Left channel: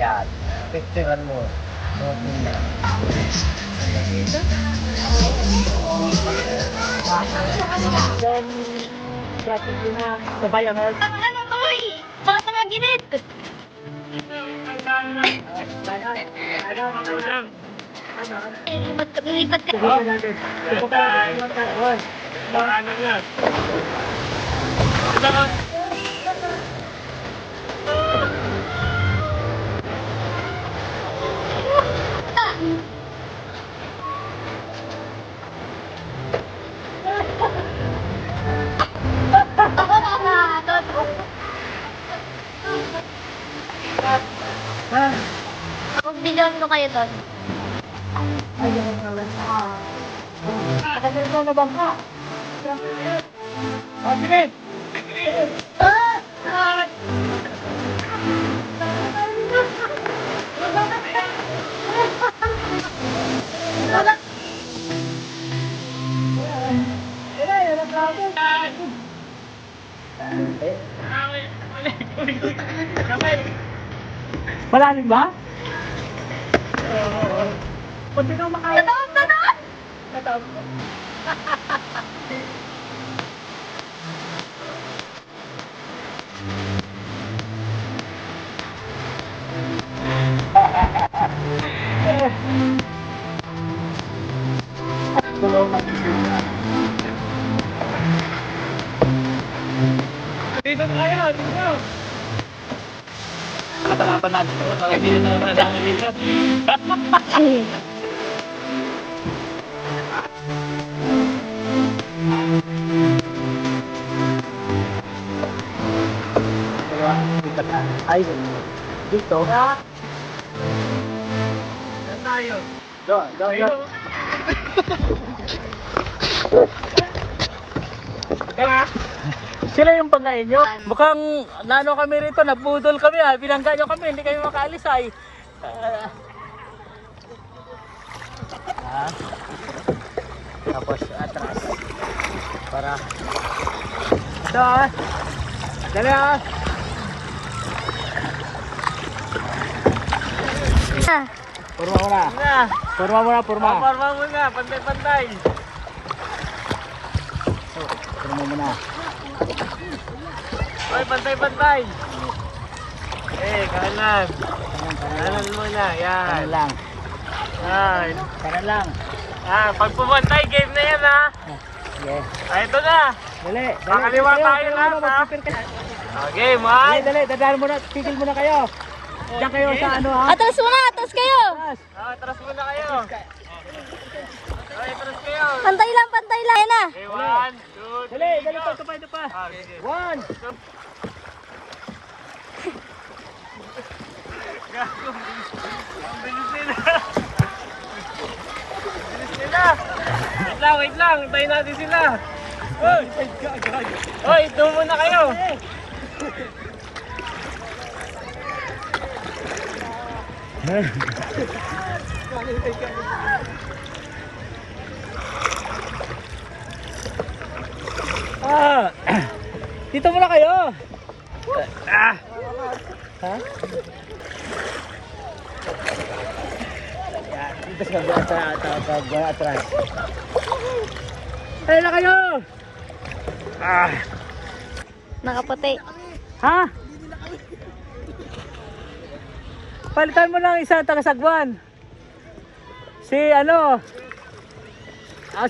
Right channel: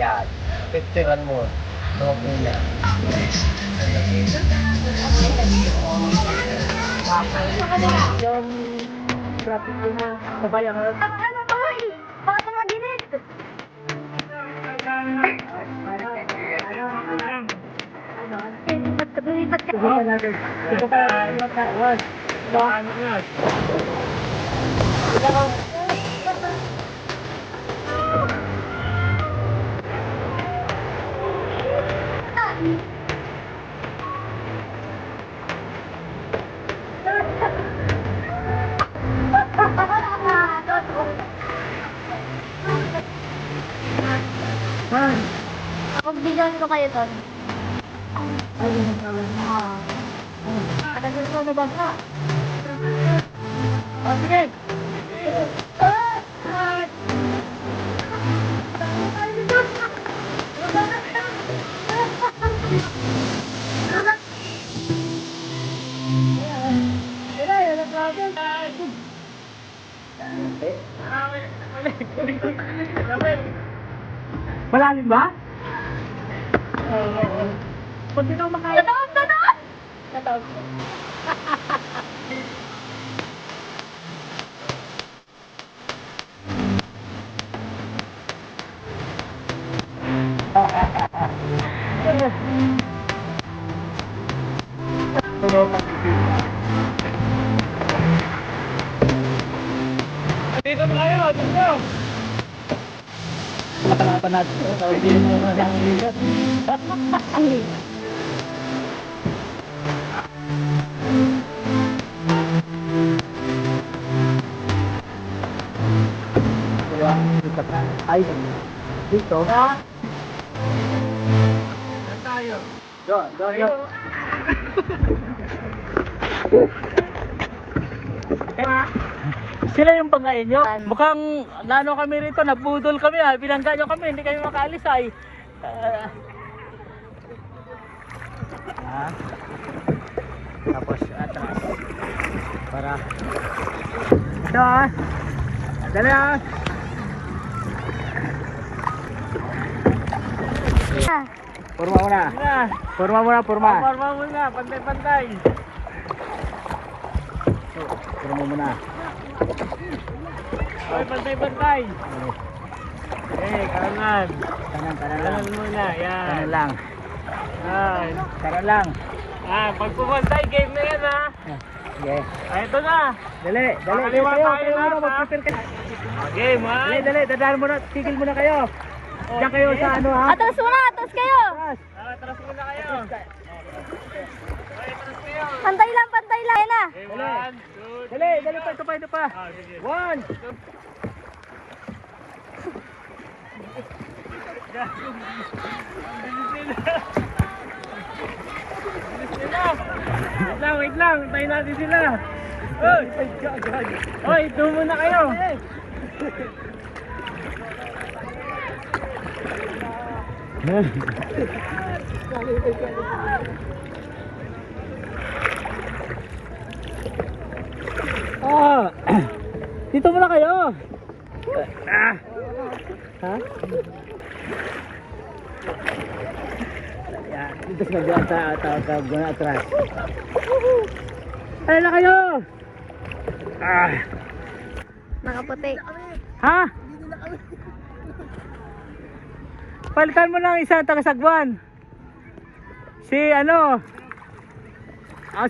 Yan. Picturean mo. Okay na. Yung traffic na kabayan na. Ano to eh? Bakit nga ginit? Lipat ka. Sige ka natin. Sige ka natin. Ano yan? Ito ka. Mag-bidon ko kayo doon. Ay, ganun ka lang. Tagal ko na ba? Sige! Malalim ba? Pati daw makaya. Tataon! Tataon! Nataon ko. Dito tayo! Dito! Nakalapan natin ito. Hindi na nanangilit. Ay, dito. Saan tayo? Dito. Sila yung pangkain nyo? Mukhang nano kami rito, nabudol kami ha. Binangga nyo kami, hindi kayo makaalis ay. Tapos atras. Para. Ito ah. Dali ah. Purma mo na. Purma mo na, purma. Parma mo nga, pantay-pantay. Purma mo na. Ay, pantay-pantay. Kanan. Kanan, kanan lang. Kanan muna, yan. Kanan lang. Yan. Kanan lang. Pag pumantay, game na yan ha. Sige. Ito na. Dali, dali. Kakaliwa Dali, tayo dali, lahat, dali, ha? mag-picture ka. Game, Dali, one. dali, dadaan muna, tigil muna kayo. Diyan kayo sa ano ha? Atras muna! Atras kayo! Atras muna kayo. Atras kayo. Pantay lang! Pantay lang! Ayan na! Okay, one, two, Dali, three, dali go. pa, ito pa, ito pa. Sige. One. Gago. Ang bilis nila. Bilis nila. Wait lang. Antayin natin sila. Hoy, doon muna kayo. Dito muna kayo. Ha? Yan, dito sa kabila sa atras. Ano na kayo? Nakaputi. Ha? Palitan mo ng isa taga-Sagwan. Si ano?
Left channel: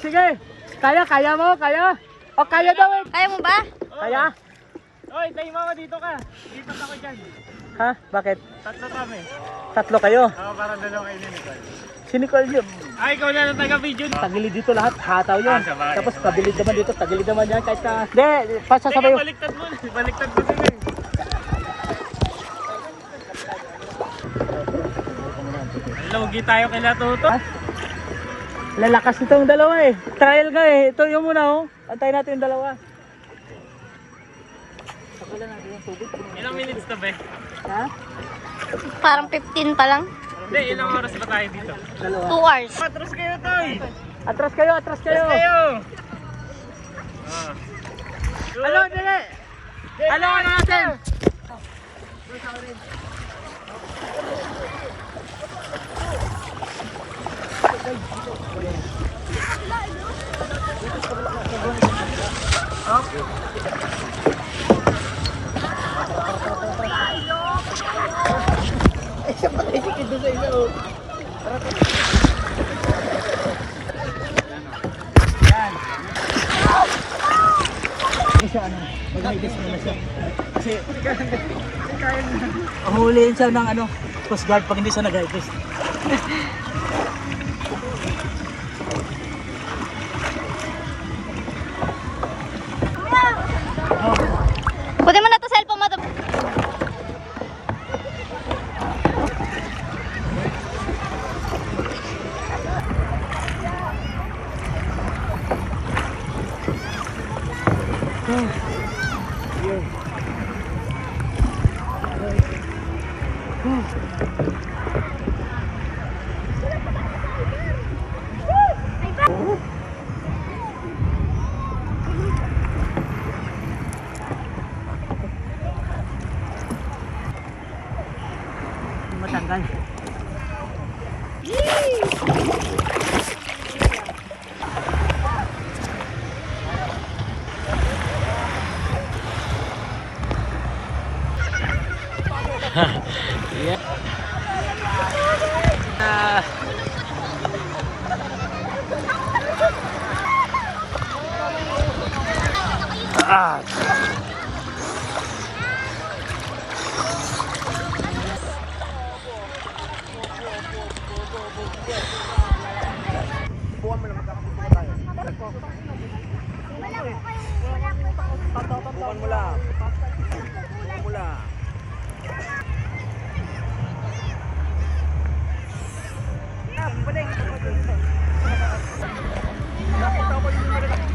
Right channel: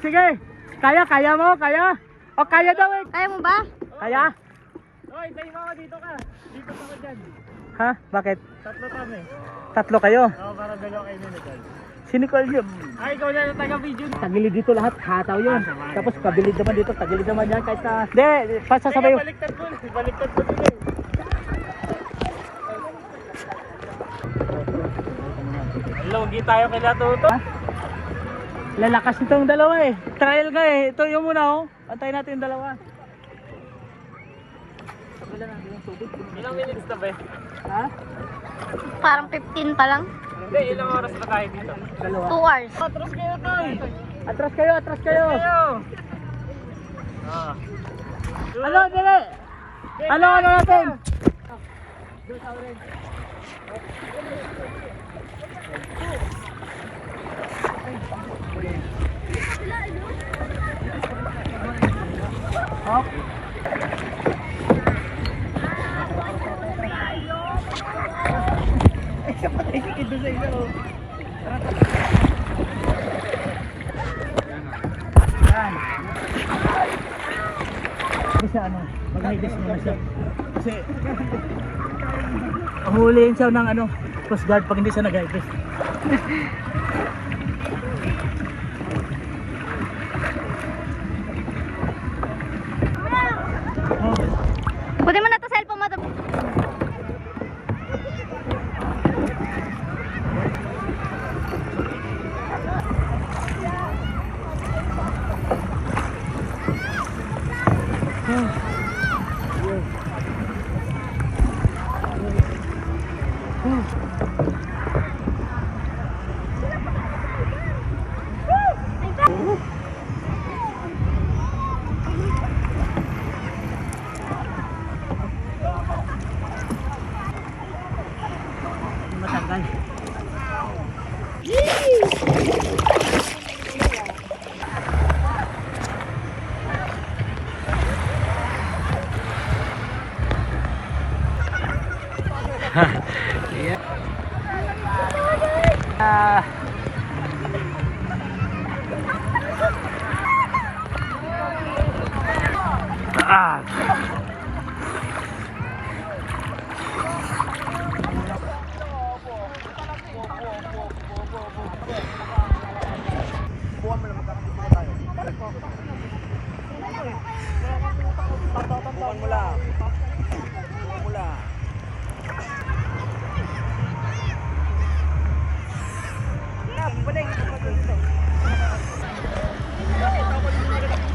Sige. Kaya mo? Kaya? O kaya daw eh. Kaya mo ba? Kaya? Hoy, tayo mama dito ka. Lipat ako dyan. Ha? Bakit? Tatlo kami. Tatlo kayo? Parang dalawa kayo ni Nicole. Si Nicole yun. Ay, ikaw na ng taga-video. Tagilid dito lahat, hataw yun. Sabay. Tapos kabilid naman dito, tagilid naman yan kahit na... Hindi, pasasabay. Teka, baliktad mo. Baliktad mo sila eh. Lugi tayo kila Tuto. Lalakas nito yung dalawa eh. Trial nga eh. Ito yung muna oh. Antayin natin yung dalawa. Wala natin yung tubig. Ilang minutes na ba eh? Ha? Parang 15 pa lang. Hindi, ilang oras ba tayo dito? 2 hours. Atras kayo, Toy! Atras kayo, atras kayo. Atras kayo! Ah. Ano, dali. Ano natin? Doon sa orange. Hop. Isa pa tayo sikid doon sa isa. Yan. Kasi ano, mag-higas muna siya. Kasi, huliin siya ng ano, Coast Guard pag hindi siya nag-higas. Kunin mo na to cellphone mo. Matanggal. Yeah. Bukan mo lang. Bukan mo lang.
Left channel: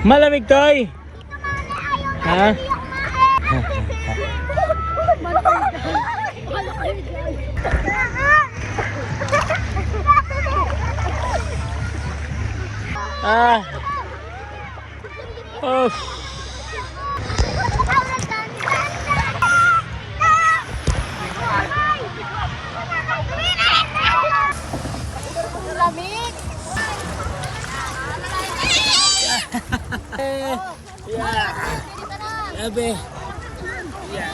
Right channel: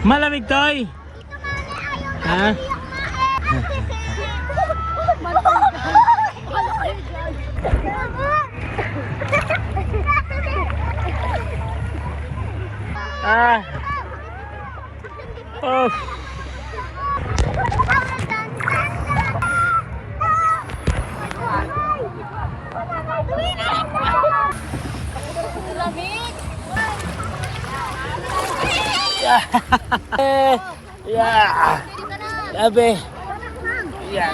Malamig toy. Ha? Ah. Oh. Yeah. Labi. Yan.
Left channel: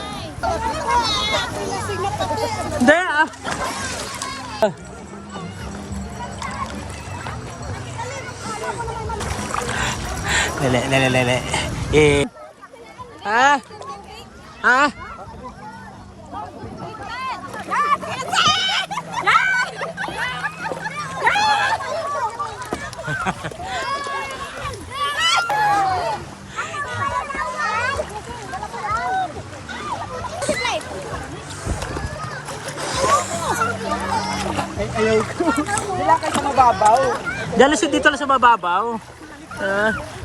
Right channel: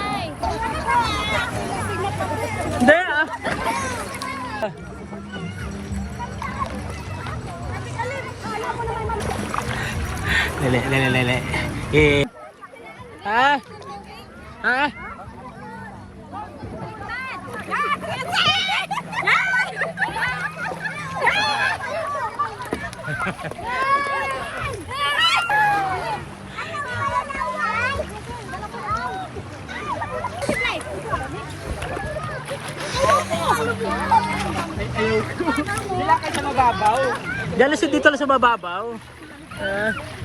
Hindi ah. Lele. Ha? Ha? Wala kayo sa mababaw. Diyan lang dito lang sa mababaw.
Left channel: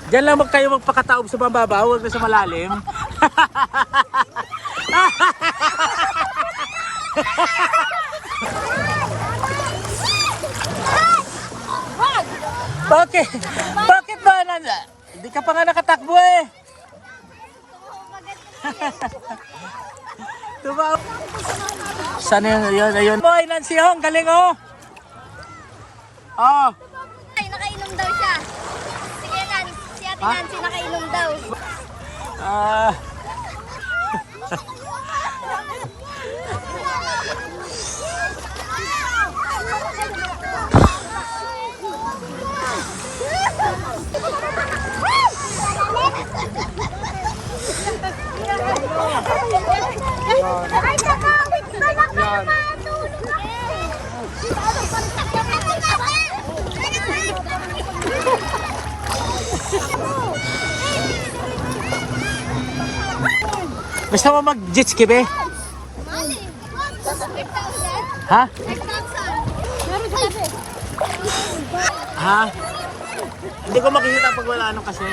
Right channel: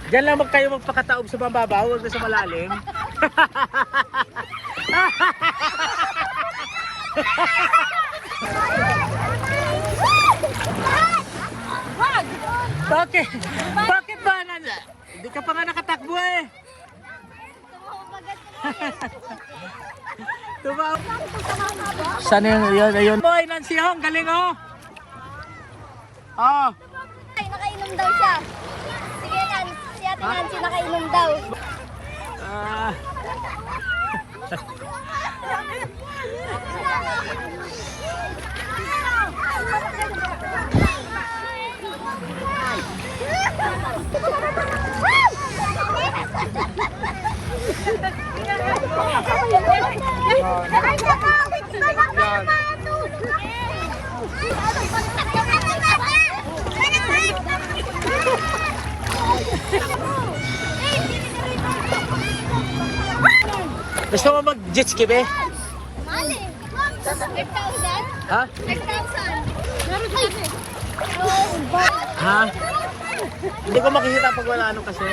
Diyan lang kayo magpakataob sa mababaw, huwag na sa malalim. Bakit? Bakit ba nanda? Hindi ka pa nga nakatakbo eh. Tumaw. Sana yun, ayun. Boy, Nancy Hong, galing oh. Oh. Ay, nakainom daw siya. Sige, si Ate Nancy nakainom daw. Ah. Gusto mo mag-jet ski be? Mali. 8,000? Ha? 8,000. Ha? Hindi ko makikita pag wala ano kasi.